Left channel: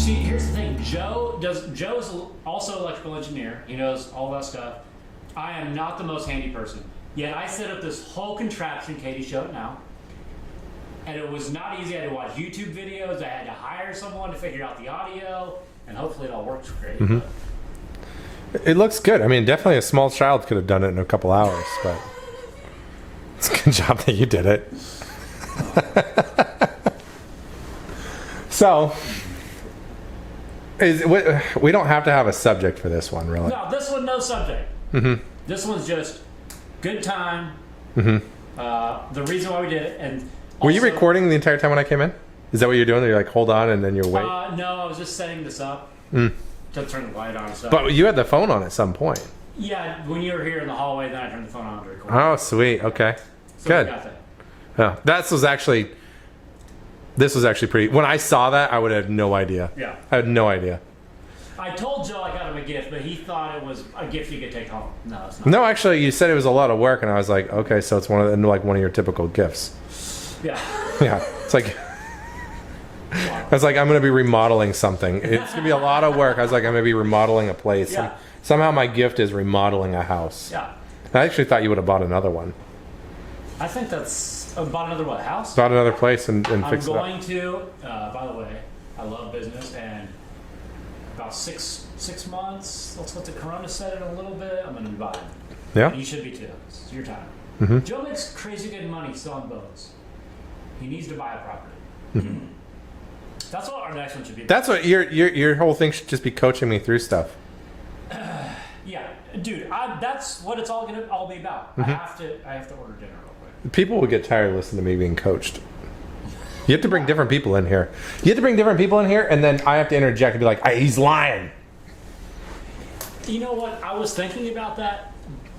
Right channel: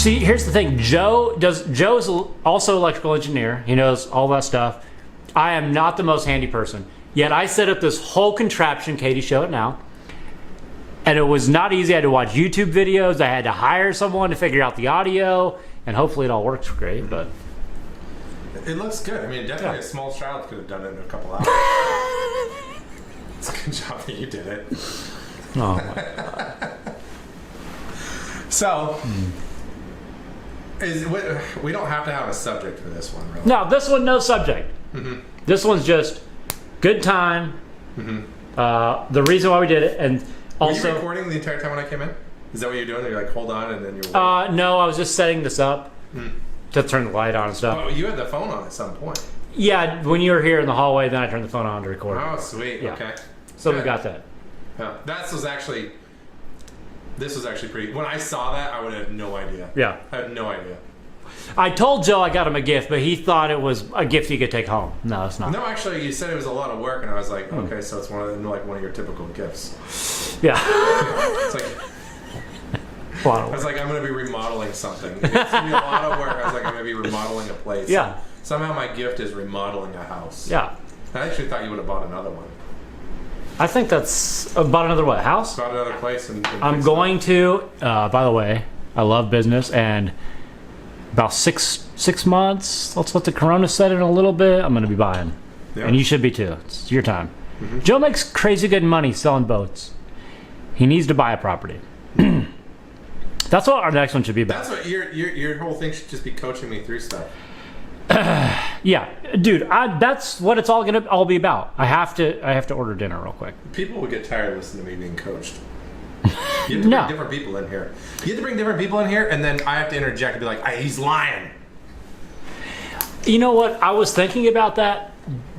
See, here's the thing. Joe is also an electrical engineer. He knows all that stuff. I am not the most handy person. Yet I set up this whole contraption. Katie, show it now. And it was not easy. I had to watch YouTube videos. I had to hire someone to figure out the audio. And hopefully it all works great. But it looks good. I mean, definitely a small child could have done it in a couple hours. But it's a good job that you did it. oh, my God. So, we don't have to have a subject for this one, really. No, this one, no subject. This one's just good time. The reason why we did it. And also, were you recording the entire time when I came in? Is that what you're doing? You're like, hold on, and then you're waiting? No, I was just setting this up to turn the light on and stuff. But you had the phone on at some point. Yeah, when you were here in the hallway, then I turned the phone on to record. Oh, sweet. Yeah. Okay. So Good. we got that. Yeah, this was actually pretty. When I saw that, I would have no idea. Yeah. I had no idea. I told Joe I got him a gift, but he thought it was a gift he could take home. No, it's not. No, actually, you said it was a lot of work, and I was like, okay, so it's one of your typical gifts. Yeah. Yeah, it's like. I was like, I'm going to be remodeling something. It's going to be a lot of work. I was like, I'm going to be remodeling a place. Yeah. Somehow my gift is remodeling a house. Yeah. I actually thought you would have bought another one. I think that's about another what, house? Bought another place and I'm fixed going to, by the way, I love business, and about six months, let's let the corona set in a little bit, I'm going to be buying. Yeah. And you should be too. It's your time. Joe makes crazy good money selling boats. He needs to buy a property. That's what our next one should be about. That's what your whole thing should just be coaching me through stuff. Yeah, dude, that's what it's all gonna be about. I have to order dinner real quick. People would get tired of listening to me being coached. You have to bring No. different people in here. You have to bring different people in here, and then I have to interject and be like, he's lying. You know what? I was thinking about that,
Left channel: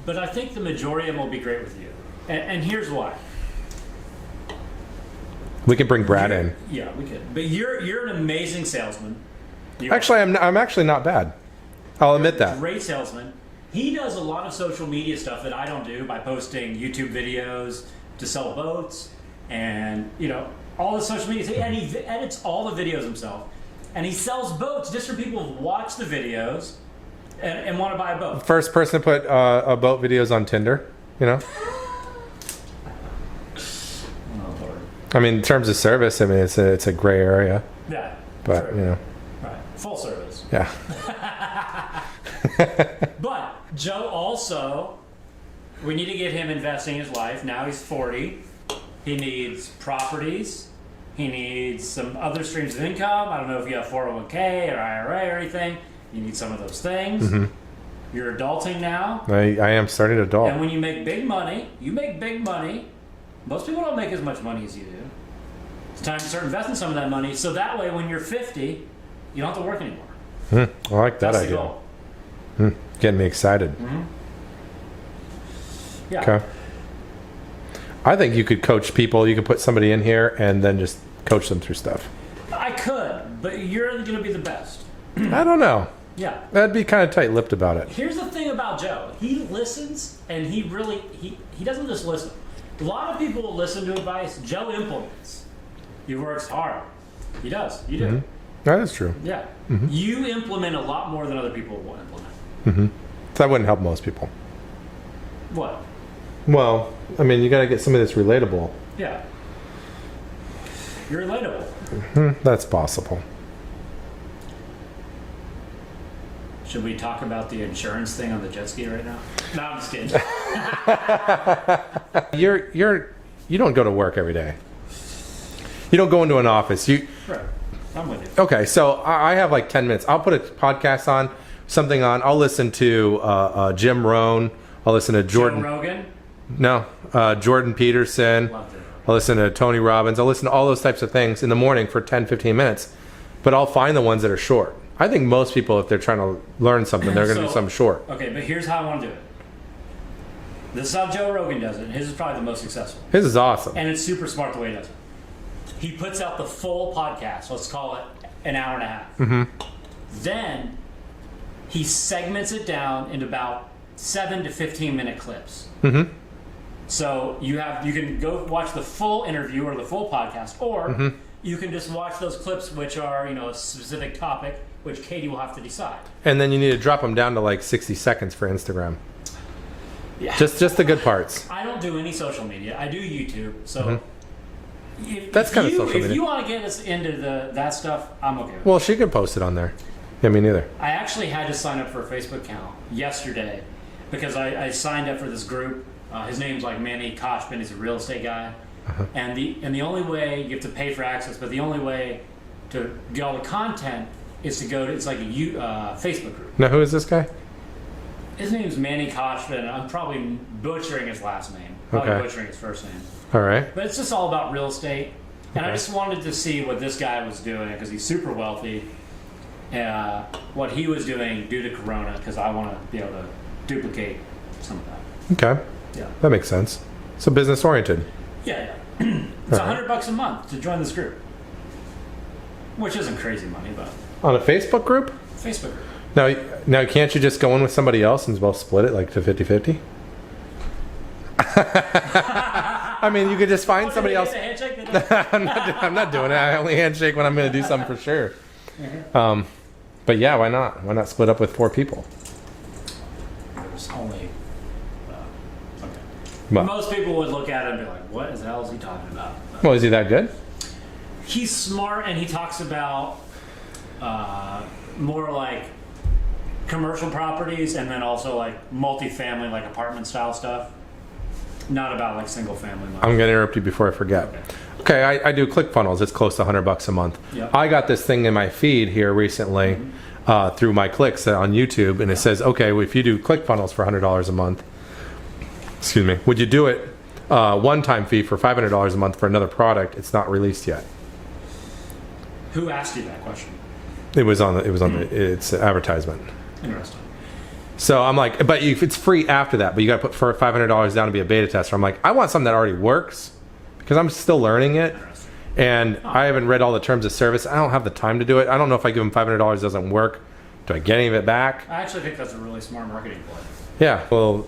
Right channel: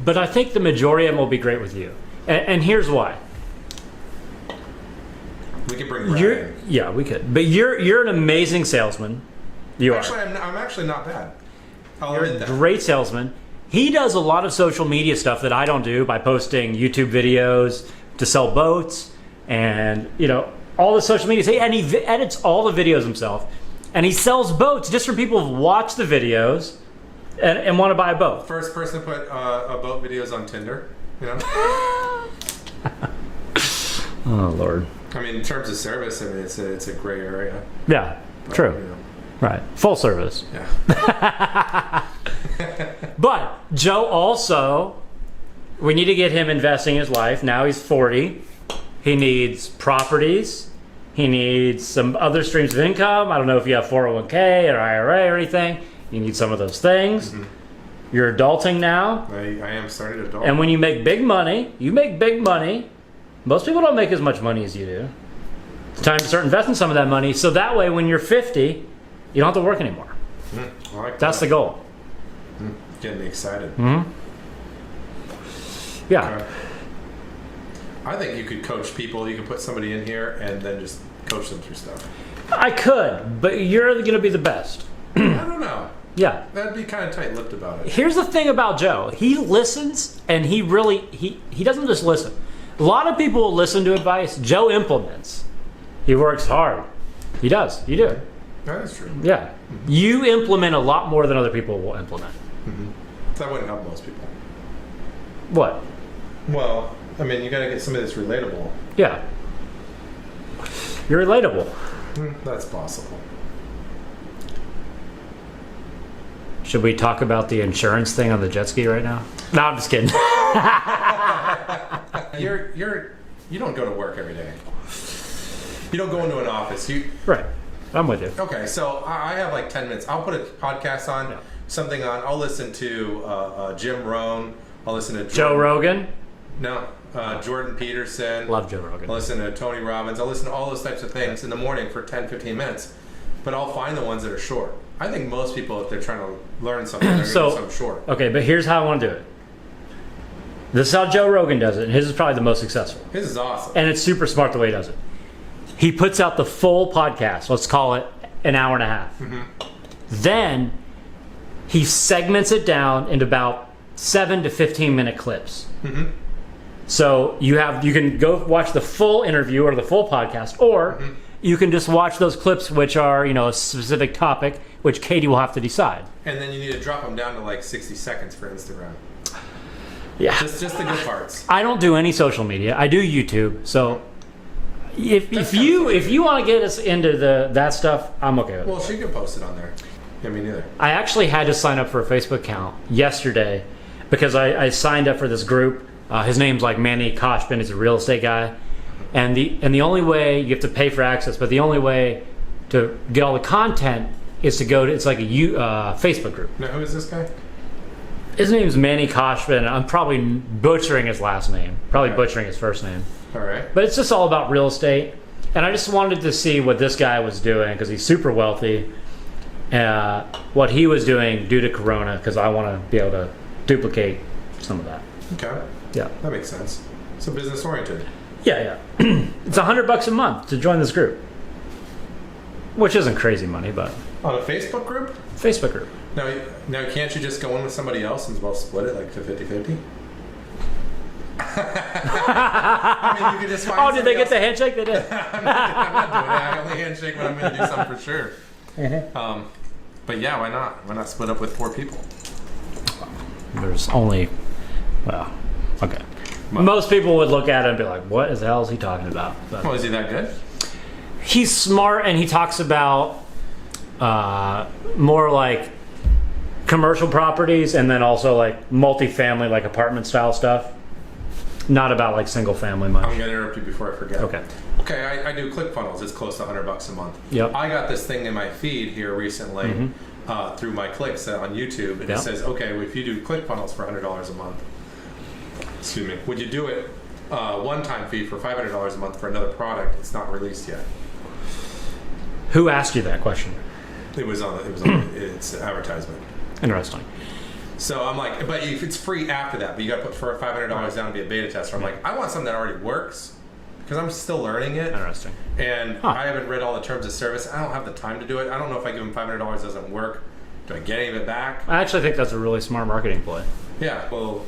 but I think the majority of them will be great with you. And here's why. We can bring Brad in. Yeah, we could. But you're an amazing salesman. You Actually, I'm actually not bad. I'll You're admit that. a great salesman. He does a lot of social media stuff that I don't do by posting YouTube videos to sell boats and, all the social media. And he edits all the videos himself. And he sells boats just for people who watch the videos and want to buy a boat. First person to put boat videos on Tinder, Oh, Lord. I mean, in terms of service, I mean, it's a gray area. Yeah, But, true. Right. Full service. Yeah. But Joe also, we need to get him investing in his life. Now he's 40. He needs properties. He needs some other streams of income. I don't know if you have 401k or IRA or anything. You need some of those things. You're adulting now. I am starting to adult. And when you make big money, most people don't make as much money as you do. It's time to start investing some of that money. So that way, when you're 50, you don't have to work anymore. I like that. That's the idea. goal. Getting me excited. Yeah. Okay. I think you could coach people. You could put somebody in here and then just coach them through stuff. I could, but you're going to be the best. I don't know. Yeah. I'd be kind of tight-lipped about it. Here's the thing about Joe. He listens, and he doesn't just listen. A lot of people will listen to advice. Joe implements. He works hard. He does. You do. That is true. Yeah. You implement a lot more than other people will implement. That wouldn't help most people. What? Well, I mean, you got to get somebody that's relatable. Yeah. You're relatable. That's possible. Should we talk about the insurance thing on the jet ski right now? No, I'm just kidding. You don't go to work every day. You don't go into an office. Right. I'm with you. Okay, so I have like 10 minutes. I'll put a podcast on, something on. I'll listen to Jim Rohn. I'll listen to Jordan. Joe Rogan? No, Jordan Peterson. Love Joe Rogan. I'll listen to Tony Robbins. I'll listen to all those types of things in the morning for 10, 15 minutes. But I'll find the ones that are short. I think most people, if they're trying to learn something, they're going to do something short. Okay, but here's how I want to do it. This is how Joe Rogan does it. His is probably the most successful. His is awesome. And it's super smart the way he does it. He puts out the full podcast. Let's call it an hour and a half. Then he segments it down into about 7 to 15 minute clips. So you can go watch the full interview or the full podcast, or you can just watch those clips, which are a specific topic, which Katie will have to decide. And then you need to drop them down to like 60 seconds for Instagram. Yeah, just the good parts. I don't do any social media. I do YouTube. So if you want to get us into that stuff, I'm okay with it. Well, she could post it on there. Yeah, me neither. I actually had to sign up for a Facebook account yesterday because I signed up for this group. His name's like Manny Koshbin. He's a real estate guy. And the only way, you have to pay for access, but the only way to get all the content is to go to, it's like a Facebook group. Now, who is this guy? His name's Manny Koshbin. I'm probably butchering his last name. Probably butchering his first name. All right. But it's just all about real estate. And I just wanted to see what this guy was doing because he's super wealthy. What he was doing due to Corona, because I want to be able to duplicate some of that. Okay. Yeah. That makes sense. So business oriented. Yeah. It's $100 a month to join this group, which isn't crazy money, but On a Facebook group? Facebook group. Now, can't you just go in with somebody else and both split it like to 50-50? I mean, you could just find Did they somebody get else. the handshake? They did. I'm not doing it. I only handshake when I'm going to do something for sure. But yeah, why not? Why not split up with 4 people? There's only, okay. Well- Most people would look at it and be like, what the hell is he talking about? But Well, is he that good? he's smart, and he talks about more like commercial properties and then also like multifamily, like apartment style stuff. Not about like single family much. I'm going to interrupt you before I forget. Okay. Okay, I do ClickFunnels. It's close to $100 a month. Yep. I got this thing in my feed here recently through my clicks on YouTube, and it says, okay, well, if you do ClickFunnels for $100 a month, excuse me, would you do it one-time fee for $500 a month for another product? It's not released yet. Who asked you that question? It was on its advertisement. Interesting. So I'm like, but if it's free after that, but you got to put for $500 down to be a beta tester. I'm like, I want something that already works because I'm still learning it. Interesting. And I haven't read all the terms of service. I don't have the time to do it. I don't know if I give them $500 it doesn't work. Do I get any of it back? I actually think that's a really smart marketing play. Yeah. Well,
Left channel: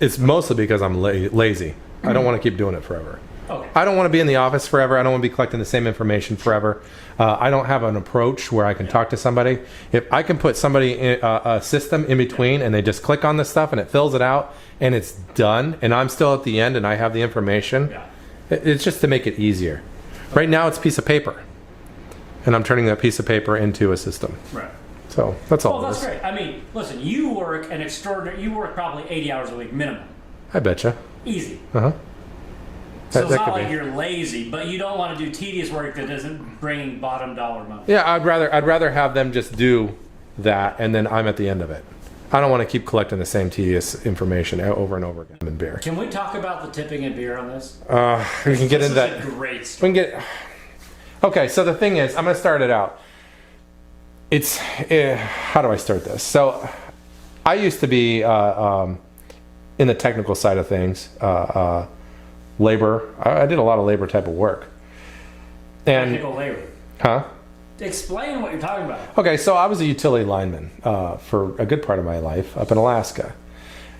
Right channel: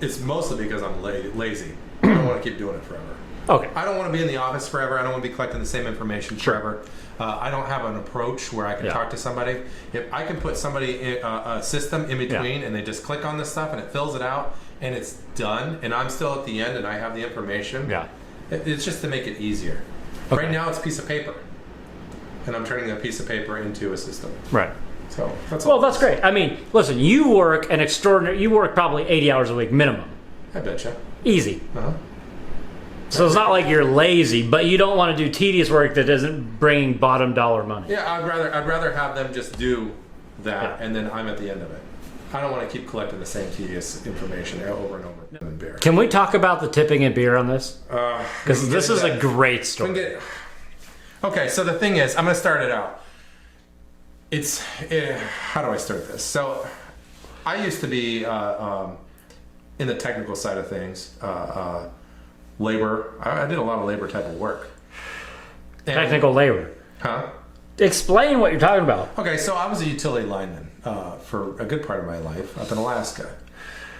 it's mostly because I'm lazy. I don't want to keep doing it forever. Okay. I don't want to be in the office forever. I don't want to be collecting the same information forever. I don't have an approach where I can talk to somebody. If I can put somebody in a system in between and they just click on this stuff and it fills it out and it's done and I'm still at the end and I have the information, it's just to make it easier. Okay. Right now it's a piece of paper and I'm turning that piece of paper into a system. Right. So that's all. Well, that's great. I mean, listen, you work you work probably 80 hours a week minimum. I betcha. Easy. Uh-huh. So it's not like you're lazy, but you don't want to do tedious work that isn't bringing bottom dollar money. Yeah, I'd rather have them just do that, and then I'm at the end of it. I don't want to keep collecting the same tedious information over and over again in beer. Can we talk about the tipping in beer on this? Because this is a great story. Okay, so the thing is, I'm going to start it out. It's how do I start this? So I used to be in the technical side of things. Labor. I did a lot of labor type of work. Technical labor. Huh? Explain what you're talking about. Okay, so I was a utility lineman for a good part of my life up in Alaska.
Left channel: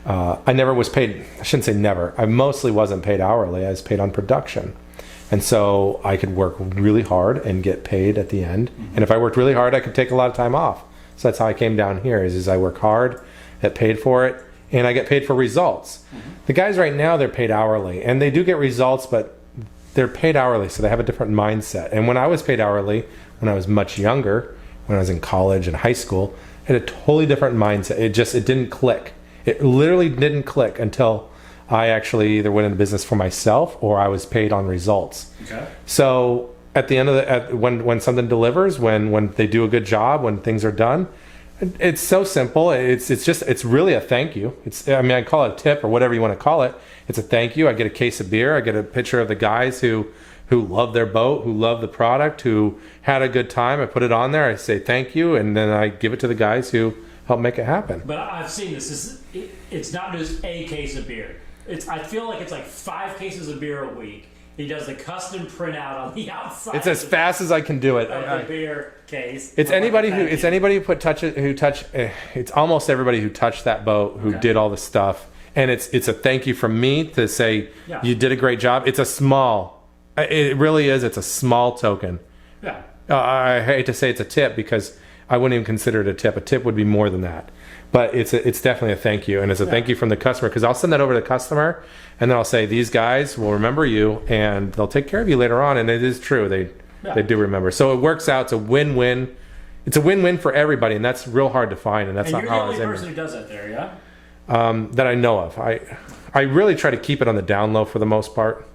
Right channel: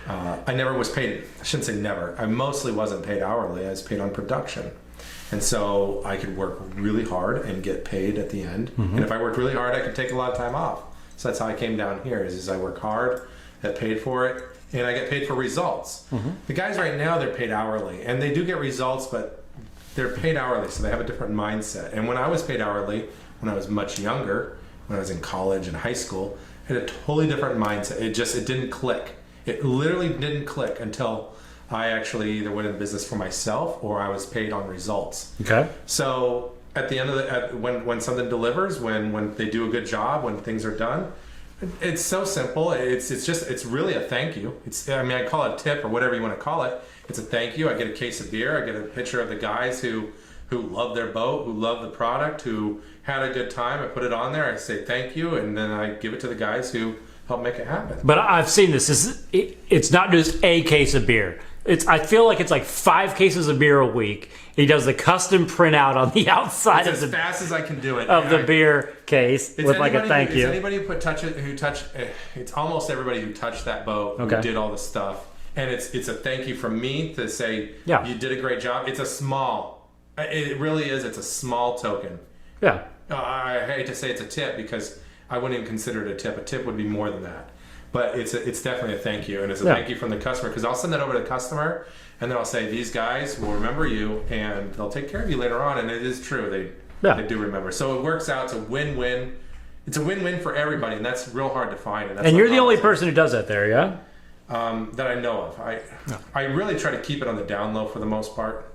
I never was paid, I shouldn't say never, I mostly wasn't paid hourly, I was paid on production. And so I could work really hard and get paid at the end. And if I worked really hard, I could take a lot of time off. So that's how I came down here, is I work hard, get paid for it, and I get paid for results. The guys right now, they're paid hourly, and they do get results, but they're paid hourly, so they have a different mindset. And when I was paid hourly, when I was much younger, when I was in college and high school, I had a totally different mindset. It didn't click. It literally didn't click until I actually either went into business for myself or I was paid on results. Okay. So at the end of when something delivers, when they do a good job, when things are done, it's so simple. It's really a thank you. I call it a tip or whatever you want to call it. It's a thank you. I get a case of beer. I get a picture of the guys who love their boat, who love the product, who had a good time. I put it on there. I say thank you, and then I give it to the guys who help make it happen. But I've seen this. It's not just a case of beer. I feel like it's like 5 cases of beer a week. He does the custom printout on the outside. It's as fast as I can do it of the beer case. It's anybody who touched. It's almost everybody who touched that boat who did all the stuff and it's a thank you from me to say Yeah. you did a great job. It's a small, it really is. It's a small token. Yeah. I hate to say it's a tip because I wouldn't even consider it a tip. A tip would be more than that. But it's definitely a thank you, and it's a thank you from the customer, because I'll send that over to the customer, and then I'll say these guys will remember you, and they'll take care of you later on. And it is true, they do remember. So it works out. It's a win-win. It's a win-win for everybody, and that's real hard to find. And you're the only person who does that there, yeah? that I know of. I really try to keep it on the down low for the most part.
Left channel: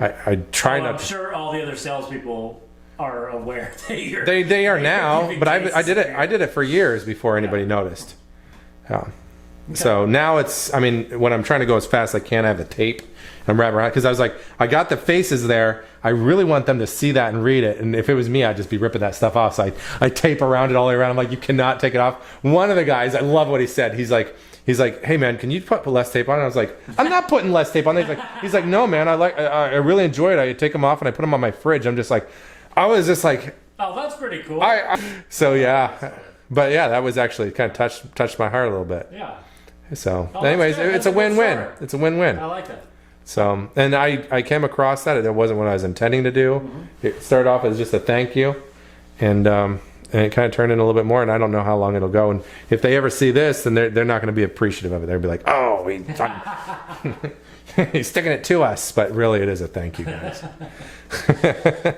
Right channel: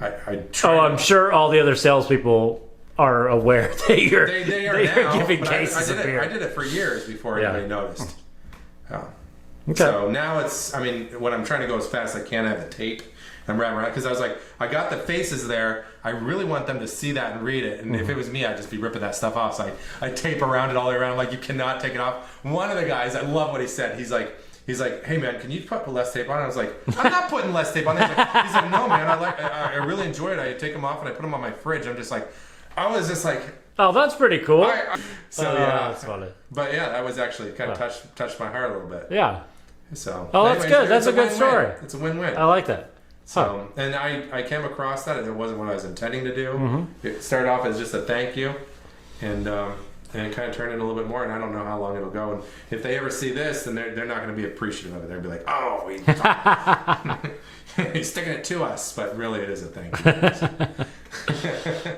I try. I'm sure all the other salespeople are aware that you're. They are now, giving but I cases did of it. beer. I did it for years before anybody noticed. Yeah. Okay. So now it's. I mean, when I'm trying to go as fast as I can, I have the tape and wrap around, because I was like, I got the faces there. I really want them to see that and read it. And if it was me, I'd just be ripping that stuff off. So I tape around it all the way around. I'm like, you cannot take it off. One of the guys, I love what he said. He's like, hey man, can you put less tape on it? I was like, I'm not putting less tape on it. He's like, no man, I really enjoy it. I take them off and I put them on my fridge. I'm just like, I was just like, Oh, that's pretty cool. yeah. That's funny. But yeah, that was actually kind of touched my heart a little bit. Yeah. So, Oh, that's anyways, good. it's That's a a good win-win. story. It's a win-win. I like that. So, and I came across that. It wasn't what I was intending to do. Mm-hmm. It started off as just a thank you, and it kind of turned in a little bit more. And I don't know how long it'll go. And if they ever see this, then they're not going to be appreciative of it. They'll be like, oh, he's sticking it to us. But really, it is a thank you.